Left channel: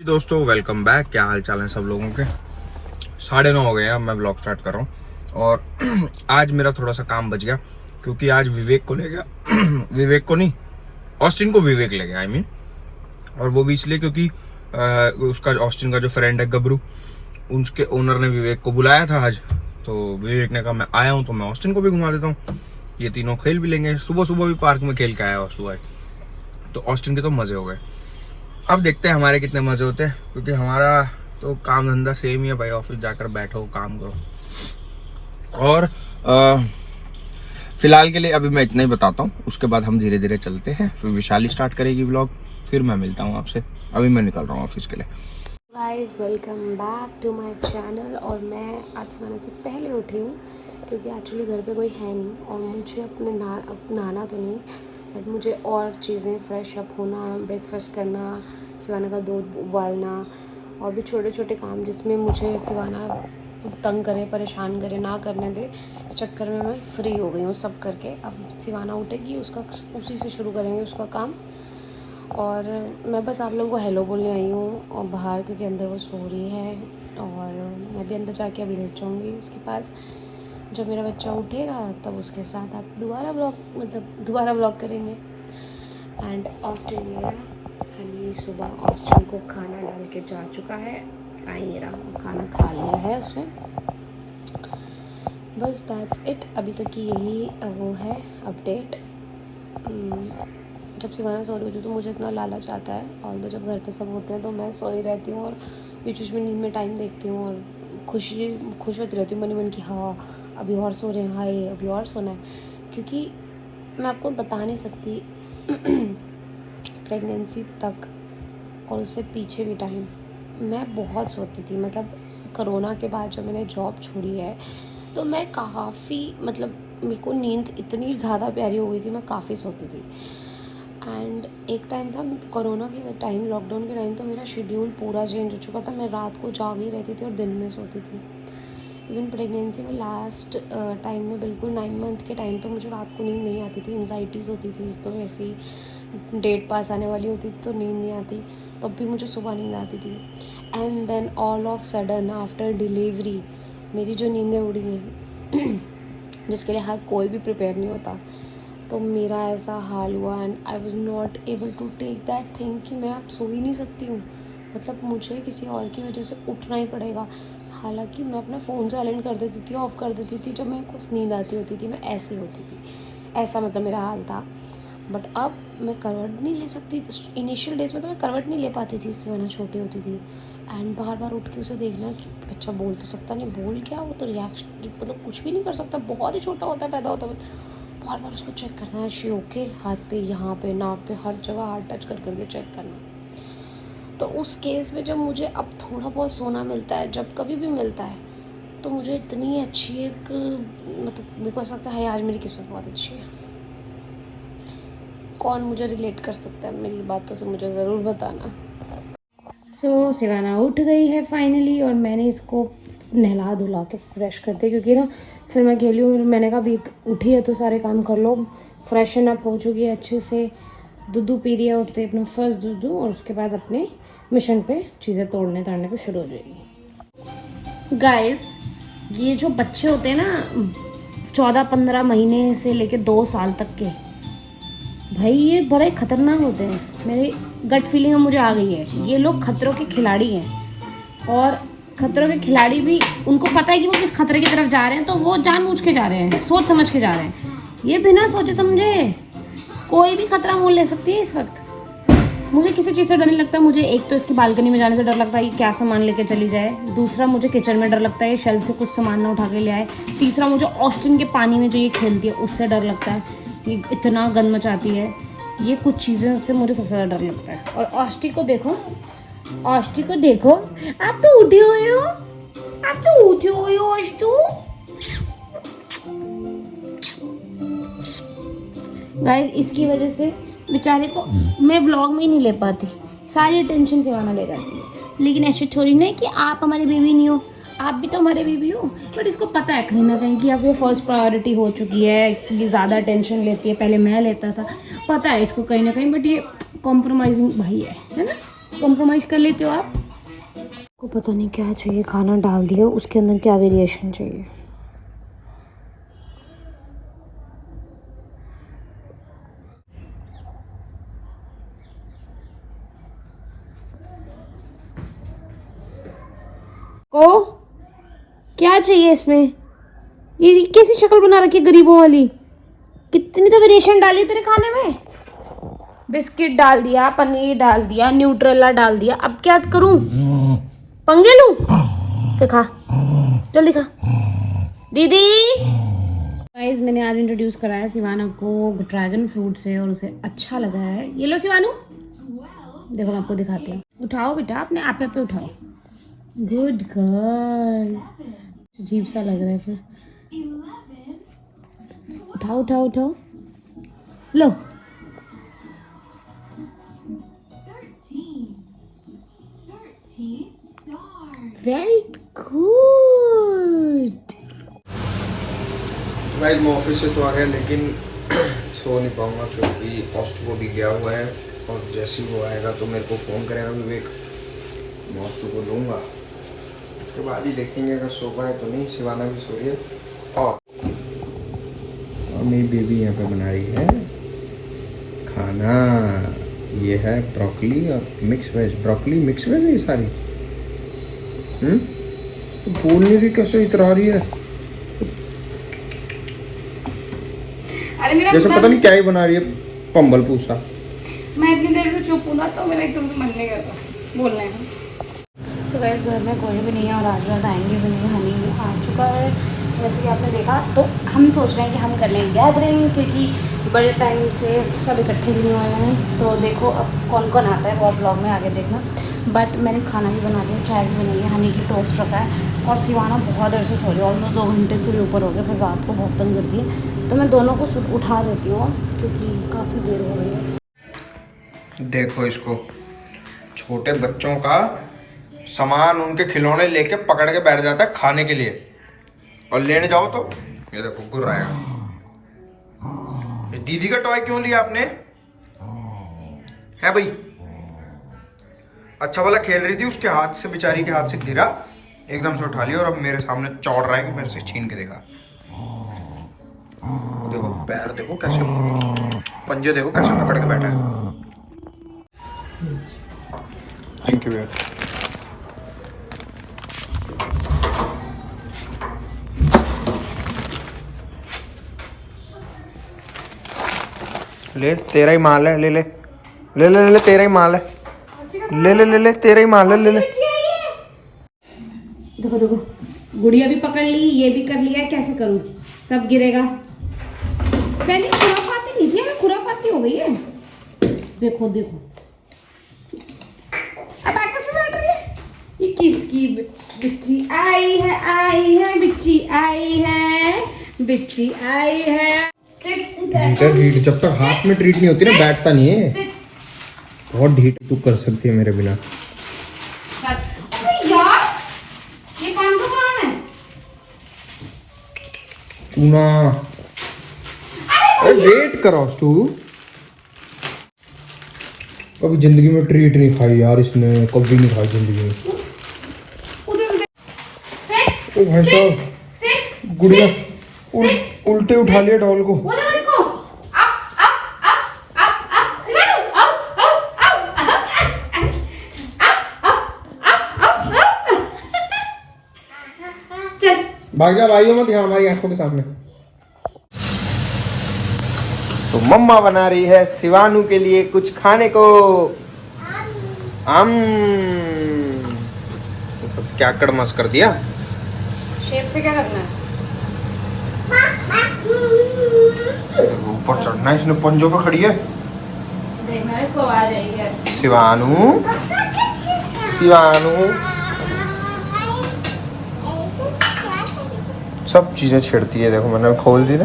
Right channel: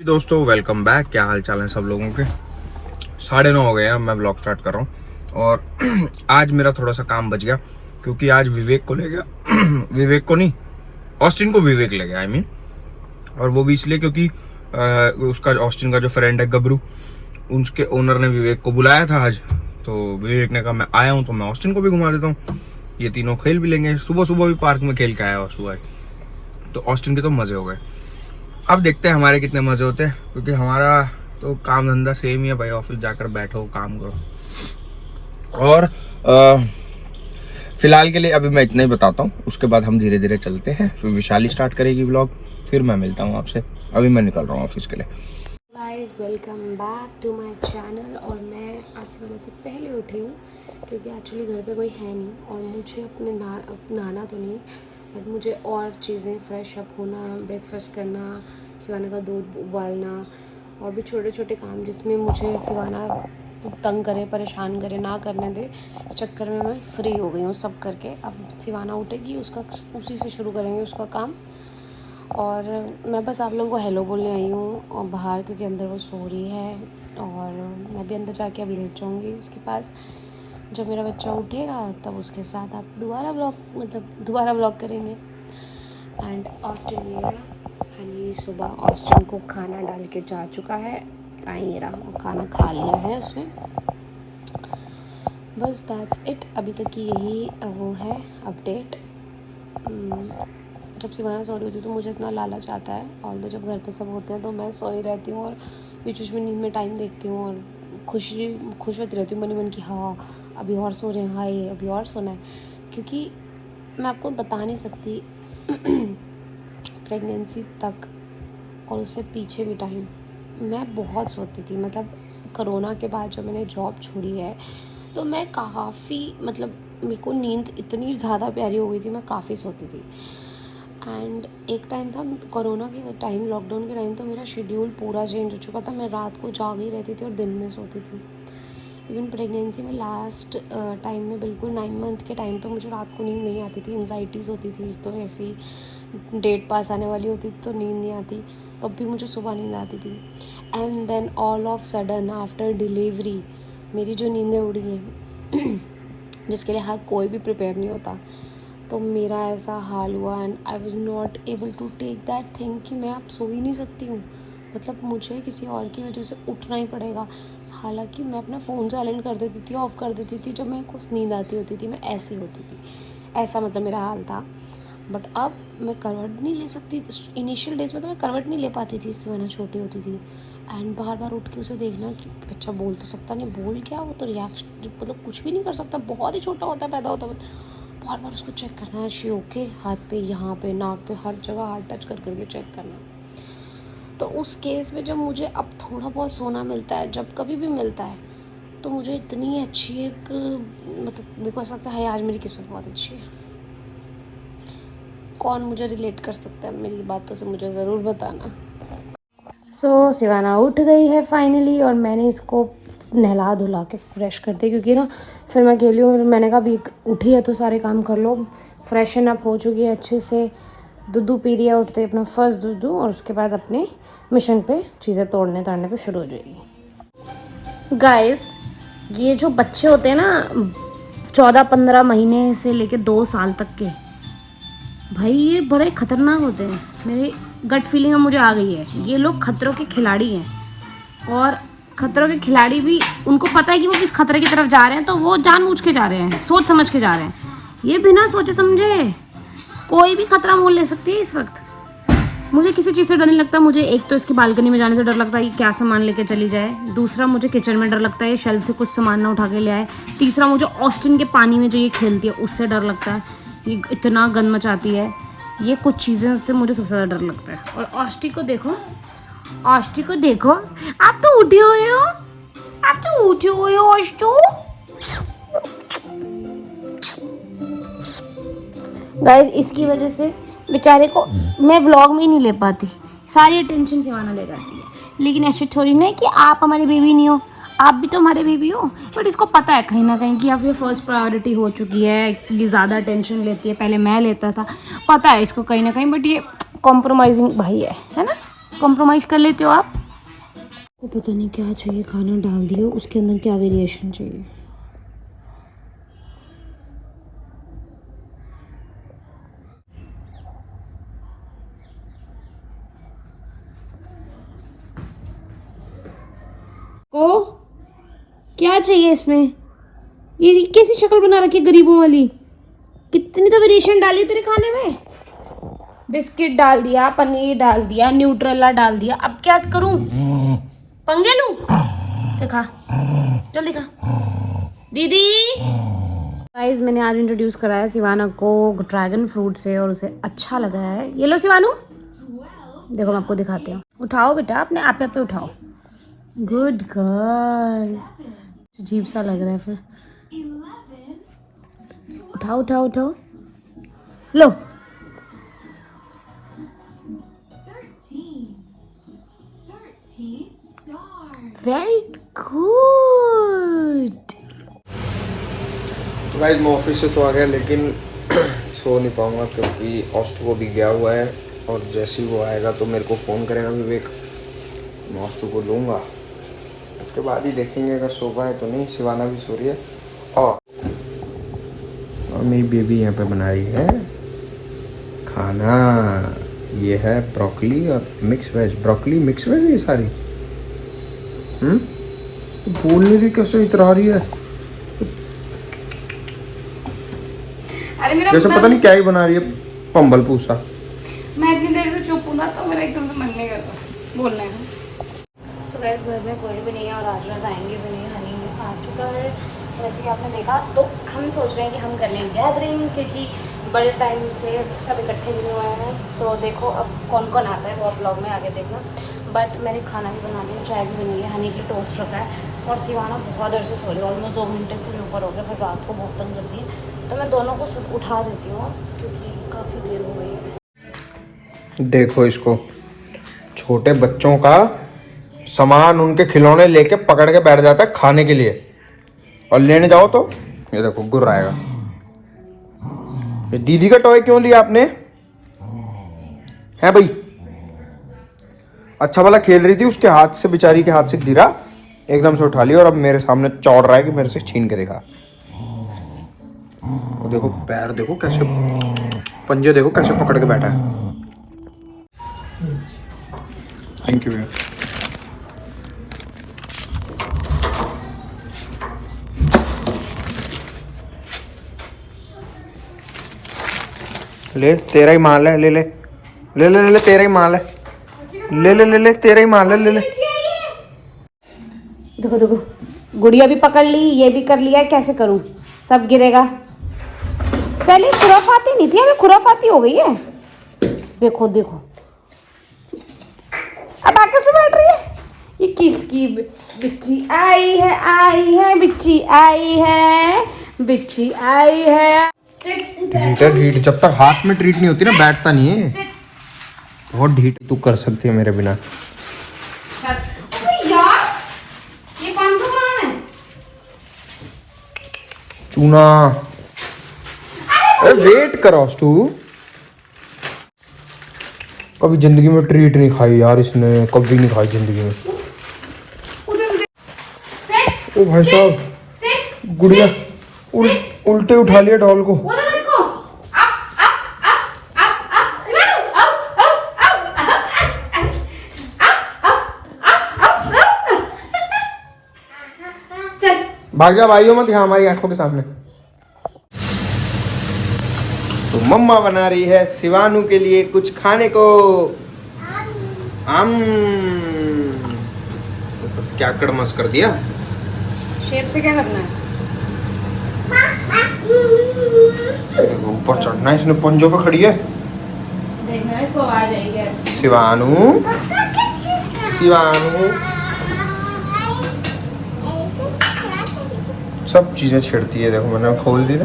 दोस्तों welcome back. क्या हाल चाल है सब लोगों के। 9:30 हो गए हैं, मैं ब्लॉग स्टार्ट कर रहा हूँ। और आज मेरा थोड़ा सा काम बच गया क्योंकि आज विवेक को ले गया विवेक को नहीं, ऑस्टिन को विवेक ले गया, आई मीन। और वो भी इसलिए क्योंकि उसका ऑस्टिन का जो फ्रेंड है गबरू, उसके ओनर ने विवेक को बुलाया था आज। तो विवेक ने कहा मैं आया हूँ तो मैं ऑस्टिन को भी घुमा देता हूँ, ये तीनों खेल भी लेंगे। सुबह सुबह भी पार्क में खेल के आया सुबह, तो ऑस्टिन के तो मजे हो गए। अब देखते हैं हमारे कितने मजे होते हैं, क्योंकि हमारा तो काम धंधा सेम ही है भाई, ऑफिस जाकर बैठो काम करो। और फिलहाल के लिए अभी मैं इतना ही बताता हूँ, उसके बाद हम धीरे धीरे चलते हैं। फिर विशाली स्टार्ट करेगी व्लॉग, फिर मैं मिलता हूँ आपसे। अभी मैं निकल रहा हूँ ऑफिस के लिए। Guys welcome back to my channel. और मैं आज सोने से पहले उठी हूँ क्योंकि एक्चुअली घर पे कोई है नहीं और मुझे अपने नहाना तो नहीं, बट मुझे और चीज़ें फ्रेश अप होना, ब्रेकफास्ट करना, सिवाना का दूध उबालना और भी छोटे छोटे काम जिसमें मुझे सिवाना तंग करे, परेशान करे, ना करने दे, इस चक्कर में मैं फ्री हो गई हूँ सब करके। अब सिवाना उठेगी, उसका उसी से शुरू करेंगे उसका काम। और मैं बस आप लोगों को हेलो बोलने आई हूँ और बाहर, क्योंकि अंदर वो सो रही है और मैं भी अंदर जाके अब लेट जाऊँगी उसके पास। जब मेरा बच्चा उठेगा तब उसके साथ आप दोबारा ब्लॉग करेंगे। एंड ऑस्टिन ये है, हनी सुबह ऑस्टिन को खाना डाल के जा चुका है, ये रहा, खाना खा लिया है उसने। बस दैट्स इट, अभी तक की यही वो है अपडेट। जब सिवाना सो रही होती है तो मुझे इतना लालच आता है, और जब घर पे सब होते हैं तो मैं सोई रहती हूँ और बीच बीच में नींद में टाइम देखती हूँ और खुश होती रहती हूँ मन ही मन की, हाँ अभी और सो रहे हैं, हाँ ये अभी और सोना है। क्योंकि मैं आपको बता नहीं सकती प्रेगनेंसी तक और उससे पीछे भी टाइम मैं बहुत सोती थी। मतलब कोरोना के बाद जब मैंने जॉब छोड़ी है तो मैं काफ़ी, मतलब मेरे को नींद इतनी ज़्यादा प्यारी हो गई थी, मैं काफ़ी सोती थी। एंड एक टाइम था कोरोना के टाइम, लॉकडाउन के टाइम, तो मेरा शेड्यूल पूरा चेंज हो चुका था। मैं रात को जाग ही रहती थी और दिन में सोती थी। इवन प्रेगनेंसी में लास्ट टाइम में बिल्कुल 9 मंथ के टाइम पे मुझे रात को नींद नहीं आती थी, एंजाइटीज़ होती थी। तो वैसे ही डेट पास आने वाली होती थी तो नींद नहीं आती, तब भी मुझे सुबह नींद आती थी। And then all of sudden after delivery मेरी जो नींदें उड़ी हैं जिसके लिए हर कोई भी प्रिपेयर नहीं होता, तो मेरा ऐसा हाल हुआ। And I was not able to take that thing कि मैं अब सो ही नहीं सकती हूँ, मतलब मुझे किसी और की वजह से उठना ही पड़ेगा। हालांकि मैं अपना फ़ोन साइलेंट कर देती थी, ऑफ़ कर देती थी, जब मैं कुछ नींद आती होती थी मैं ऐसी होती थी, ऐसा मतलब मेरा हाल था। बट अब मैं करवट नहीं ले सकती। इनिशियल डेज में तो मैं करवट नहीं ले पाती थी, इससे मैंने छोटी होती थी। एंड बार बार उठ के उसे देखना कि बच्चा बोल तो सकता नहीं, बोल क्या, वो तो रिएक्शन मतलब कुछ भी नहीं कर सकता, बहुत ही छोटा होता है, पैदा होता है। बार बार उसको चेक करना है, शी ओके, हाथ पे, यहाँ पे, नाक पे, हर जगह हाथ टच कर करके चेक करना। तो उस केस में जब मुझे अब थोड़ा बहुत सोना मिलता है, जब कभी भी मिलता है, तो मुझे इतनी अच्छी एक, मतलब मेरे को ऐसा लगता है आज मेरी किस्मत बहुत अच्छी है। कौन मुझे रिलेट कर सकता है मेरी बातों से, मुझे ज़रूर बताना। सो सिवाना उठ गई है फाइनली और मैंने इसको नहला धुला के फ्रेश कर दिया, क्योंकि ना फिर मैं अकेली हूँ। मैंने कहा अभी उठी है तो सारे काम कर लो। फ्रेशन अप हो चुकी है अच्छे से, दूध पी रही है उठते अपना फर्स्ट दूध, और उसके बाद अपने मिशन पे चीज़ें तोड़ने पे शुरू हो जाएगी। गाइस, ये जो बच्चे होते हैं ना 14-15 महीने से लेकर 2 साल तक के, भाई ये बड़े खतरनाक होते हैं। मेरी गट फीलिंग मुझे आ गई है, ये लोग खतरों के खिलाड़ी हैं। और खतरों के खिलाड़ी भी, उनको पता है कि वो किस खतरे की तरफ जा रहे हैं, तो वो जानबूझ के जा रहे हैं, सोच समझ के जा रहे हैं। ये बिना सोचे समझे कोई भी खतरा मोल ले सकती है इस वक्त। मुझे किसी चीज़ से डर नहीं लगता। मुझे एक तो इसकी बालकनी में जाने से डर लगता है कि क्या सामान लेकर चली जाए। दूसरा, मुझे किचन में डर लगता है शेल्फ से कुछ सामान ना उठा के ले आए। तीसरा, मुझे ऑस्टिन के पानी में जो ये खेलती है उससे डर लगता है, ये इतना गंद मचाती है। ये कुछ चीज़ें से मुझे सबसे ज़्यादा डर लगता है। और ऑस्टी को देखो, ऑस्टी को देखो, आप तो उठी हुई हो, आप तो उठी हुई हो ऑस्टू। गाइस, इसकी वजह से बेचारे को मैं व्लॉग में ही नहीं ले पाती, सारी अटेंशन सिवाना ले जाती है। लेकिन ऐसे छोड़ी नहीं कि आप हमारी बेबी नहीं हो, आप भी तो हमारे बेबी हो। बट इसको पता है कहीं ना कहीं कि अब ये फर्स्ट प्रायोरिटी हो चुकी है, कि ये ज़्यादा अटेंशन लेती है। पहले मैं लेता था, पता है इसको कहीं ना कहीं, बट ये कॉम्प्रोमाइजिंग भाई है ना, कॉम्प्रोमाइज कर लेते हो आप। को पता नहीं क्या चाहिए, खाना डाल दिया, उसके अंदर क्या वेरिएशन चाहिए। को क्या चाहिए इसमें, ये कैसी शक्ल बना रखी है गरीबों वाली। कितनी तो वेरिएशन डाली तेरे खाने में, बिस्किट डाल दिया, पनीर डाल दिया, न्यूट्रेला डाल दिया, अब क्या करूं, पंगे लूं? फिर खा, जल्दी खा। दीदी गाइस, मैंने आज इंट्रोड्यूस कराया शिवाना को ड्रैगन फ्रूट से और उसे अच्छा लगा है। ये लो शिवानू, देखो मैं आपको दिखाती हूँ। उठाओ बेटा, अपने आप पे उठाओ। Good girl. अजीब सा लग रहा है फिर। उठाओ उठाओ उठाओ, लो। Very good. गाइस मैं ऑफिस से तो आ गया, लेकिन सो नहीं पाऊंगा क्योंकि ऑस्टो को भी गया हुआ है, और जैसे ही वो आएगा तो मेरे को फ़ोन करेगा विवेक, मैं ऑस्टो को लूँगा। उसके बाद ही देखेंगे अगर सो पाए तो नहीं। शिवाना भी सो रही है, और मेरी बेबी यहाँ पे बना रही है खाना। ये है ब्रोकली और mix veg, broccoli mix veg ये सारी। बोलने भी कैसे इतरा रही है, अरे मेरा जैसे पता नहीं क्या ही बना रही है, पंबल पूसा। मैं इतनी देर से चुप हूँ ना, तो मेरा एकदम से मन नहीं करता बोलने में। सो गाइस, घर में कोई भी नहीं है और आज रात आएंगे भी नहीं। हनी भी आ चुका है जैसे कि आपने देखा, तो हम सोच रहे हैं कि हम कर लेंगे गैदरिंग, क्योंकि बड़े टाइम से सब इकट्ठे भी नहीं हुए हैं। तो देखो अब कौन कौन आता है वो आप ब्लॉग में आगे देखना। बट मैंने खाना भी बना लिया, चाय भी बनी है, हनी की टोस्ट रखा है, और शिवाना बहुत देर से सो रही है, ऑलमोस्ट 2 घंटे से भी ऊपर हो गया, फिर रात को बहुत तंग करती है। तो मैं दोनों को उठा देती हूँ क्योंकि काफ़ी देर हो गई है। देखो इसको, छोटे बच्चों का सामान, उनके खिलौने लेके पकड़ के बैठ जाता है खाने के लिए, और लेने जाओ तो ये देखो गुर्राएगा। ये दीदी का टॉय क्यों लिया आपने, है भाई? अच्छा भला खेल रही थी, उसके हाथ से, बेचारी के हाथ से गिरा, एकदम से उठा लिया, और अब मेरे सामने चौड़ रहा है कि मेरे से छीन के देखा। देखो पैर देखो कैसे, पंजे देखो कैसे पकड़ के बैठा है। Thank you. ले तेरा ही माल है, ले ले ले ले ले, तेरा ही माल है, ले ले ले ले, तेरा ही माल है, ले ले। देखो देखो, गुड़िया भी पकड़ ली, ये भी कर लिया, कैसे करूं, सब गिरेगा। पहले खुराफाती नहीं थी, अभी खुराफाती हो गई है। देखो देखो, अब आकाश पे बैठ रही है। ये किसकी बिच्ची आई है, बिच्ची आई है, बिच्ची आई है। ढीठ, जब तक हाथ में ट्रीट नहीं होती ना बैठता नहीं है। बहुत ढीठ तू कर सकती है मेरे बिना। यार ये कौन सा काम है? चूना, अरे वेट करो तू। कभी जिंदगी में ट्रीट नहीं खाई यार इसने, कभी नहीं खाई जिंदगी में। ओ भाई साहब, गुड़िया उल्टे उठा लिया डॉल को। भाग जा, भाइयों मत यहाँ हमारी आंखों के सामने। तो मम्मा बना रही है शिवानू के लिए कुछ खाने को। तो क्या कड़मस कर दिया। शेप से क्या करना है? ऊपर चढ़ना है इसने, पंजों पे खड़ी है। देखना इसको आ जाएगी। शिवानू, शिवानू सब चीजें छेड़ती है। देखो मैंने खोल दी ना।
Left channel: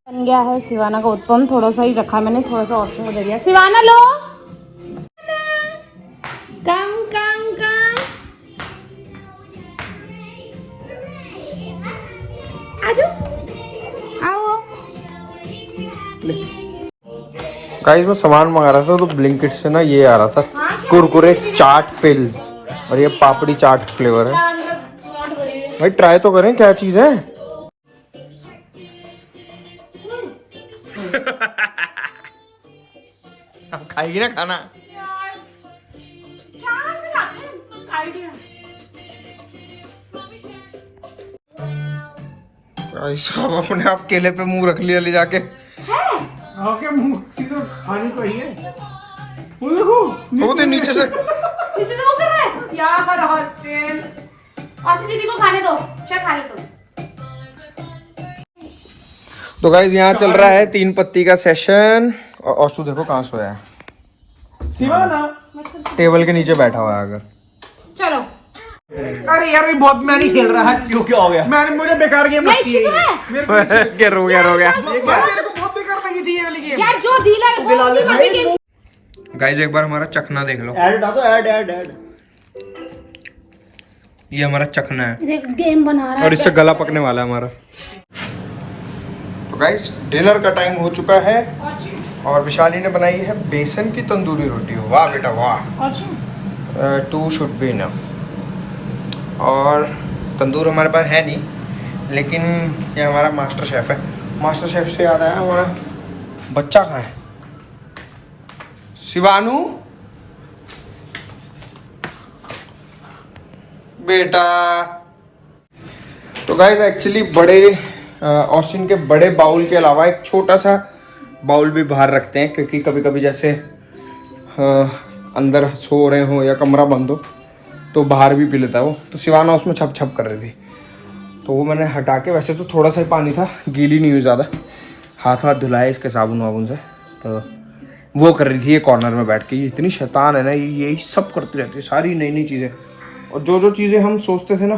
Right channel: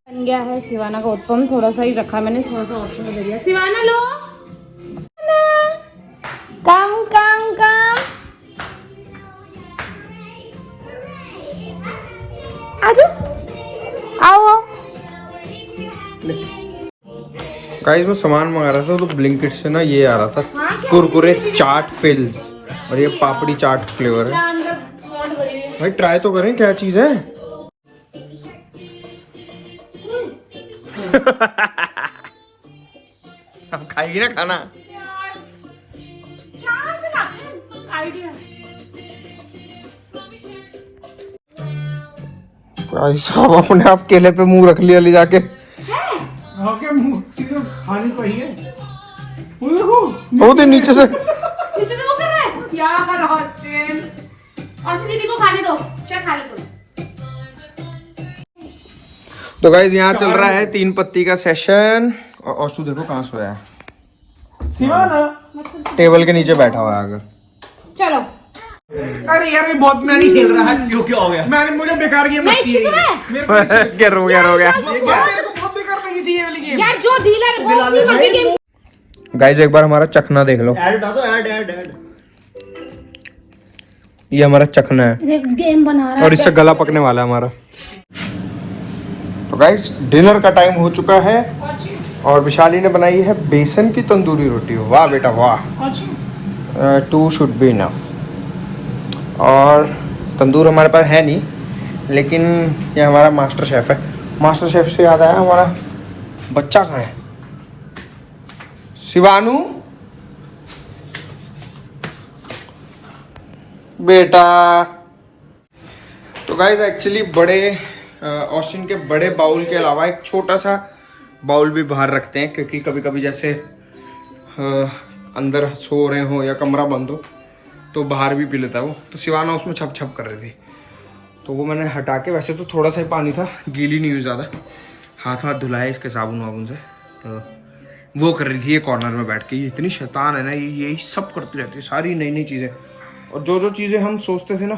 बन गया है शिवाना का उत्पम, थोड़ा सा ही रखा मैंने, थोड़ा सा ऑस्ट्रो दे दिया। शिवाना लो, कम कम कम, आजो आओ। गाइस मैं सामान मंगा रहा था तो ब्लिंकिट से ना ये आ रहा था कुरकुरे चाट फिल्स और ये पापड़ी चाट फ्लेवर है। भाई ट्राई तो करें क्या चीज है। अब खाएगी ना खाना। साहब अपने आप केले पे मुंह रख लिया ले जाके। मुंह खानी तो ही है। वो तो नीचे से वो कर रहा है यार हॉस्टल। आशी दीदी को खाने दो, चाहे खा ले तो। तो गाइस यहाँ चल रहा है 3 पत्ती का सेशन और औशु देखो कहाँ सो रहा है। टेबल के नीचे बैठा हुआ है अगर। चलो अरे यार ये बहुत मैं नहीं खेल रहा है। क्यों क्या हो गया? मैंने मुझे बेकार गेम रखी है ये। मेरे को क्या हो गया मेरे को बहुत बेकार लगी थी ये वाली गेम। यार जो डीलर वो अपनी मर्जी के गाइस एक बार हमारा चखना देख लो। ऐड था तो ऐड ये हमारा चखना है गेम बना रहा और इससे गला पकने वाला है हमारा। तो गाइस डिनर का टाइम हो चुका है और विशाली ने बनाई है बेसन की तंदूरी रोटी। वाह बेटा वाह। 2 शुड बी इनफ। और तंदूर हमारे पास है नहीं लेकिन ये हमारा मास्टर शेफ है। मास्टर शेफ से याद आया हमारा बच्चा कहाँ है? शिवानू बेटा। तो गाइस एक्चुअली बड़े ऑस्टिन के बड़े बाउल के अलावा एक छोटा सा बाउल भी बाहर रखते हैं क्योंकि कभी कभी जैसे अंदर सो रहे हो या कमरा बंद हो तो बाहर भी पी लेता है वो। तो शिवाना उसमें छप छप कर रही थी तो वो मैंने हटा के, वैसे तो थोड़ा सा ही पानी था, गीली नहीं हुई ज़्यादा, हाथ धुलाए इसके साबुन वाबुन से, तो वो कर रही थी ये कॉर्नर में बैठ के। ये इतनी शैतान है ना, ये यही सब करती रहती है, सारी नई नई चीज़ें। और जो जो चीज़ें हम सोचते थे ना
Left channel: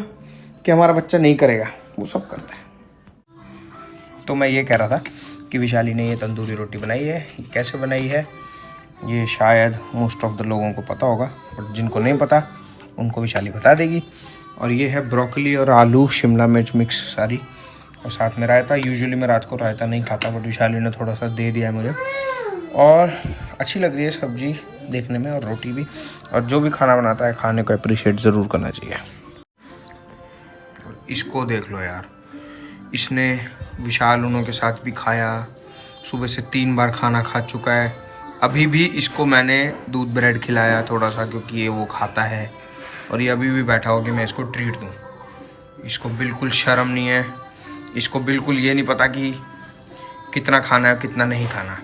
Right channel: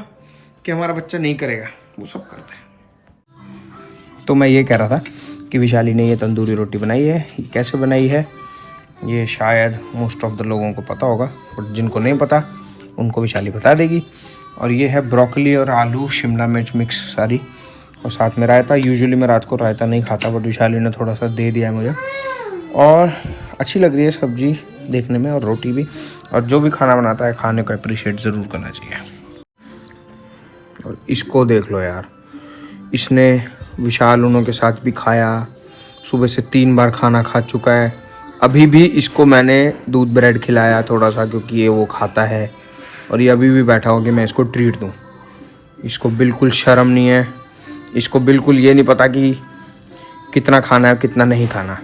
कि हमारा बच्चा नहीं करेगा वो सब करता है। तो मैं ये कह रहा था कि विशाली ने ये तंदूरी रोटी बनाई है। ये कैसे बनाई है ये शायद मोस्ट ऑफ द लोगों को पता होगा, बट जिनको नहीं पता उनको विशाली बता देगी। और ये है ब्रोकली और आलू शिमला मिर्च मिक्स सारी, और साथ में रायता। यूजुअली मैं रात को रायता नहीं खाता बट विशाली ने थोड़ा सा दे दिया है मुझे। और अच्छी लग रही है सब्जी देखने में और रोटी भी। और जो भी खाना बनाता है खाने को अप्रिशिएट ज़रूर करना चाहिए। और इसको देख लो यार, इसने विशाल उनों के साथ भी खाया, सुबह से 3 बार खाना खा चुका है। अभी भी इसको मैंने दूध ब्रेड खिलाया थोड़ा सा क्योंकि ये वो खाता है, और ये अभी भी बैठा हो कि मैं इसको ट्रीट दूँ। इसको बिल्कुल शर्म नहीं है, इसको बिल्कुल ये नहीं पता कि कितना खाना है कितना नहीं खाना।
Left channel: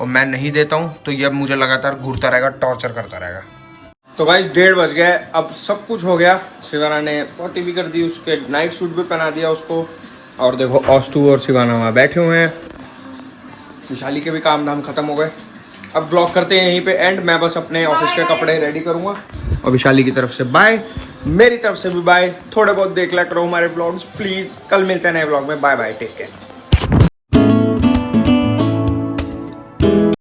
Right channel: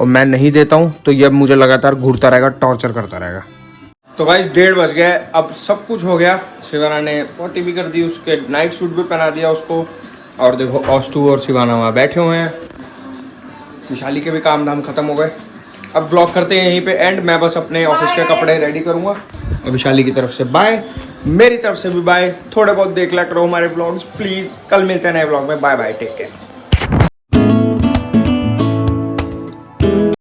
और मैं नहीं देता हूँ तो ये मुझे लगातार घूरता रहेगा, टॉर्चर करता रहेगा। तो भाई 1:30 बज गए, अब सब कुछ हो गया। शिवाना ने पॉटी भी कर दी, उसके नाइट सूट भी पहना दिया उसको। और देखो ऑस्टू और शिवाना वहाँ बैठे हुए हैं। विशाली के भी काम धाम खत्म हो गए। अब व्लॉग करते हैं यहीं पे एंड। मैं बस अपने ऑफिस के कपड़े रेडी करूँगा। और विशाली की तरफ से बाय, मेरी तरफ से भी बाय। थोड़े बहुत देख लिया करो हमारे व्लॉग्स प्लीज़। कल मिलते हैं नए व्लॉग में। Bye bye, take care.